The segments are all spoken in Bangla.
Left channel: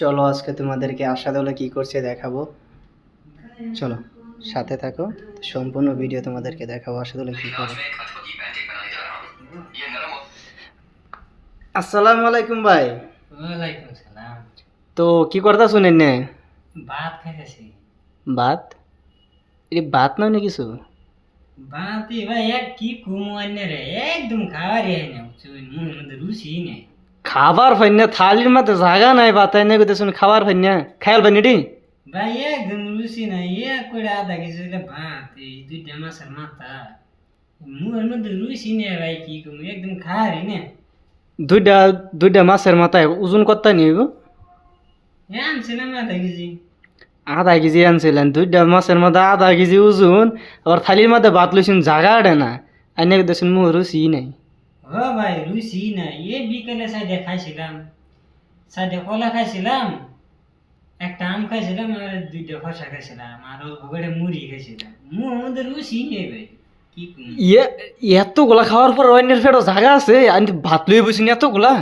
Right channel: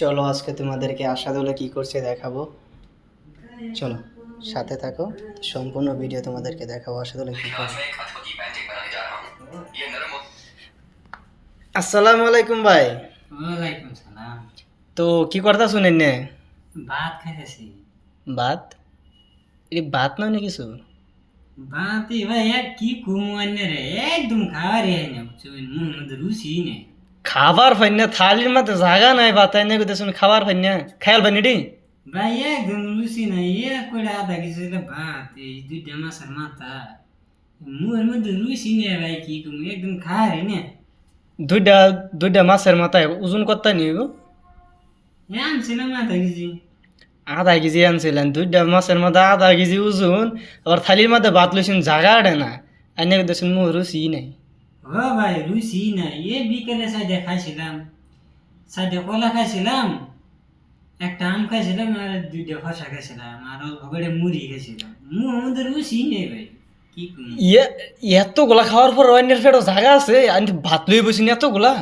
চলো আজকে তোমাদেরকে আশাদুল্লাহ কি করছে দেখাবো। চলো সাথে থাকো, সম্পূর্ণ ভিডিও তোমাদেরকে দেখাবো আশাদুল্লাহ কি করে। আসসালামু আলাইকুম ভাই। ওয়ালাইকুম সালাম। তো কি করতা শুনেন নে? ভাত খাইতেছি। ভাত? ভাত নয় না কিছু? ভাত ভাই এক কি কুমুয়ান্নে রে একদম খাওয়ারই হয় না বুঝছো মুখের মধ্যে রুচি নেই। খাবার ফাইনা থালির মধ্যে জায়গা নাই, ভাত এনে কইতে শুনে খাবার ফাইনা খায়াল ফাইনি ডি। ভাই একদম রুচি নাই এক করে আধা কেজি ভাত এই দুইটা মাছের মাথা মুখের মধ্যে রুচি নেই ভাই কি কমু একদম খাওয়ারই না। দুইটা দুইটা মাছের মাথায় ওজন করতে নিব। আনছিলাম আধা কেজি। আধা কেজি আনছিলেন, দুইটা মাছের মধ্যে আধা কেজি ওজন, আবার থালির মধ্যে ভাত লইছেন জায়গা আড়ে না, এনে কইতে শুনে মুখ রুচি নাই। ও ভাই রুচি নাই এ বিকেলে সাইডে খাইছিলাম, সাইডে কলা খাইছিলাম, একটা আম খাইছিলাম আর দুইটা খসা খাইছিলাম আর ওখানে মুড়ি খাইছিলাম মুখের মধ্যে রুচি নেই ভাই কি কমু। ইয়ে, এতগুলা খাওয়ার পর অন্যের পেটও জায়গা আছে, আমি ভাত লই বসিনি এতগুলা।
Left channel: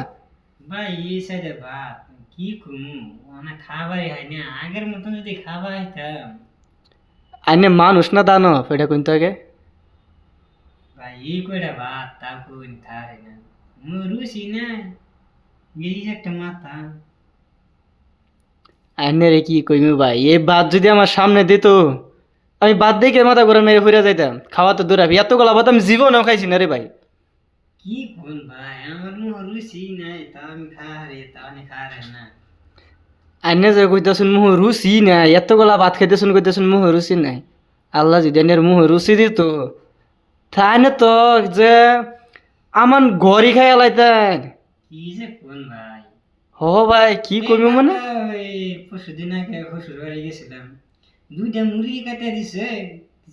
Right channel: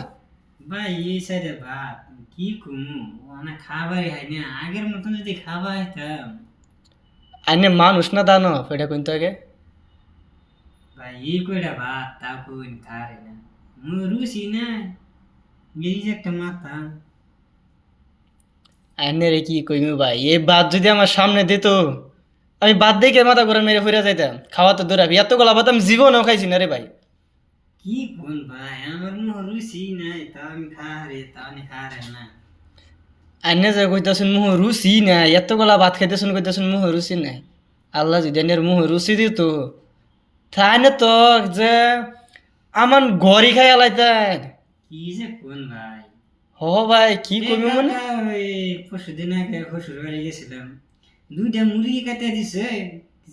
ভাই এই সাইডে ভাত কি কমু অনেক খাবারই হয় না আগের মতন যদি খাবার হইতাম। আইনে মানুষ না দানো এটা কইতে আগে। ভাই এই কয়টা ভাত তা কোন খাই না মুখ রুচি নাই এই যে একটা মাথা। আইনে রে কি কইমু ভাই, এই ভাত যদি আমার সামনে দিত, আমি ভাত দেখে মাথা ঘুরে মেরে ফিরে যাইতাম। খাওয়া তো দূরে, এতগুলা ভাত আমি জীবনেও খাইছি না রে ভাই। কি কোন ভাই আমার মুখ রুচি নাই তা আমি খাহারে তা আমি খাহারে না। আইনে যে কইতেছুন মুহ রুচি নাই, এতগুলা ভাত খাইতেছুন কইতেছুন মুহ রুচি নাই। আল্লাহ যদি এনের মুহ রুচি দিত, তাইনে তো যে আমার ঘরই খাই আলাইতেন। কি যে কোন ভাই হ ভাই কি এই কইমু মানে। কাকা ওই পরশুদিন আগে শ্বশুর বাড়ি গেছিলাম দুইটা মুরগি কাটে দিছে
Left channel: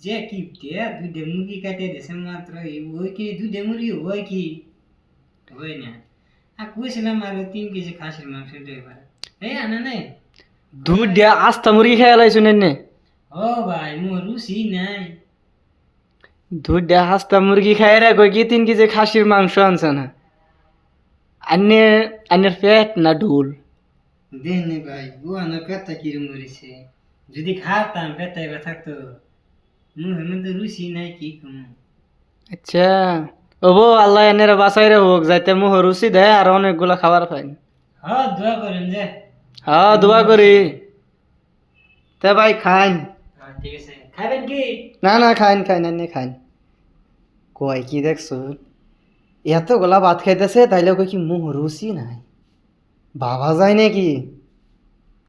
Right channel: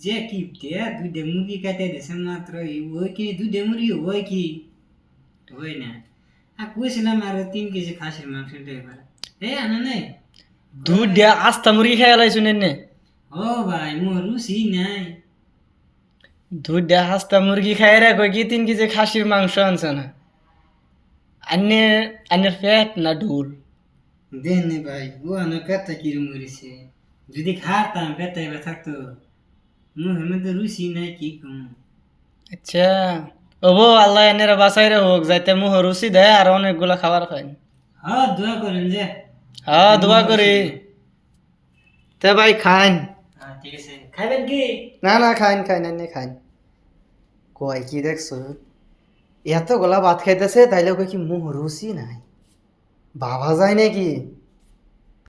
যে কিপটে দুইটা মুরগি কাটে দিছে মাত্র ওই কি দুইটা মুরগি ওই কি ওই না আর কইছিলাম আর 3 কেজি খাসির মাংস দেবে এই আনা নাই। দুইটা আস্তা মুরগি খাই আলাইছুন এনে। ও ভাই মোর রুচি নাই। দুইটা আস্তা মুরগি খাই রে কই কি 3 কেজি খাসির মাংস আনছ না। আন্নে আন্নের পেট না ঢুল? দেন নে ভাই ও আনা পেটটা কিরম মরেছে যদি খাতাম পেটটা এবার থাকতো মুখের মধ্যে রুচি নাই কি কম। আচ্ছা, ওবো আল্লাহ এনের বাসাই রে হোক, যাইতে মুহ রুচি দেয় আর অনেকগুলা খাবার খাই। হ্যাঁ দোয়া করেন যে। হ্যাঁ দোয়া করি। তে ভাই খাইন। হ্যাঁ ঠিক আছে খাবেন কি। না না খাইন খাইন এনে খাইন। কয় কি দেখছো, এতগুলা ভাত খাইতেছে তাইলে কই কি মুহ রুচি নাই, ভাবা যায় নাকি?